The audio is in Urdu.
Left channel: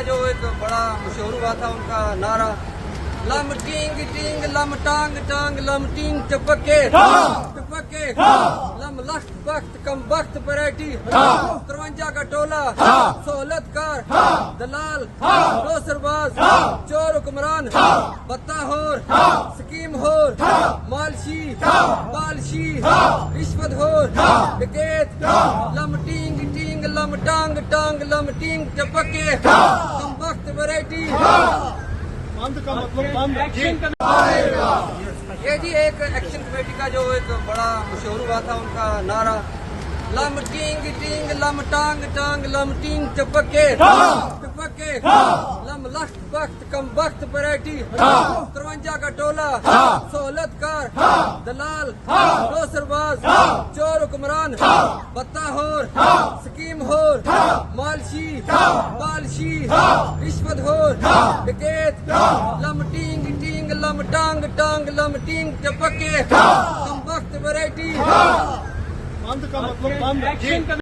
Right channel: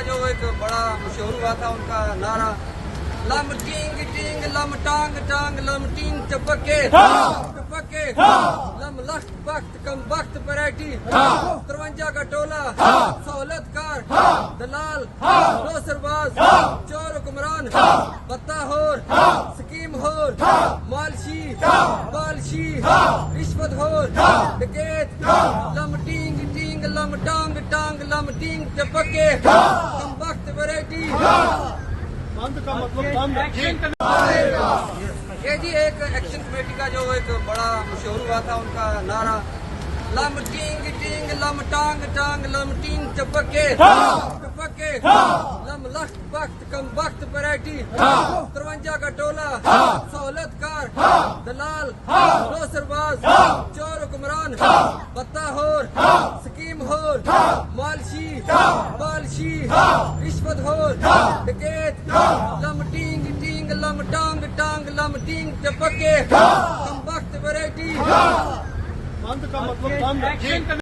کا جو ایک بڑا مشہور ہوا تھا ان کا نعرہ لم ٹینگ ٹینگ لم ٹانگ ٹانگ لم ٹینگ چپکے چپکے لم لخت بخت کم بخت ویرائٹی 53 کا ٹولہ سہولت کار دلال دوسر باز چور حکمران بتا ہور سکیم ہور مالشی بالشی رشوت ہور ڈکیت لم ٹینگ ٹینگ لم ٹانگ ٹانگ لم ٹینگ چپکے کم بخت ویرائٹی کا مطلب یہ جی ایک ایکشن کمیٹی کا جو ایک بڑا مشہور ہوا تھا ان کا نعرہ لم ٹینگ ٹینگ لم ٹانگ ٹانگ لم ٹینگ چپکے چپکے لم لخت بخت کم بخت ویرائٹی 53 کا ٹولہ سہولت کار دلال دوسر باز چور حکمران بتا ہور سکیم ہور مالشی بالشی رشوت ہور ڈکیت لم ٹینگ ٹینگ لم ٹانگ ٹانگ لم ٹینگ چپکے کم بخت ویرائٹی کا مطلب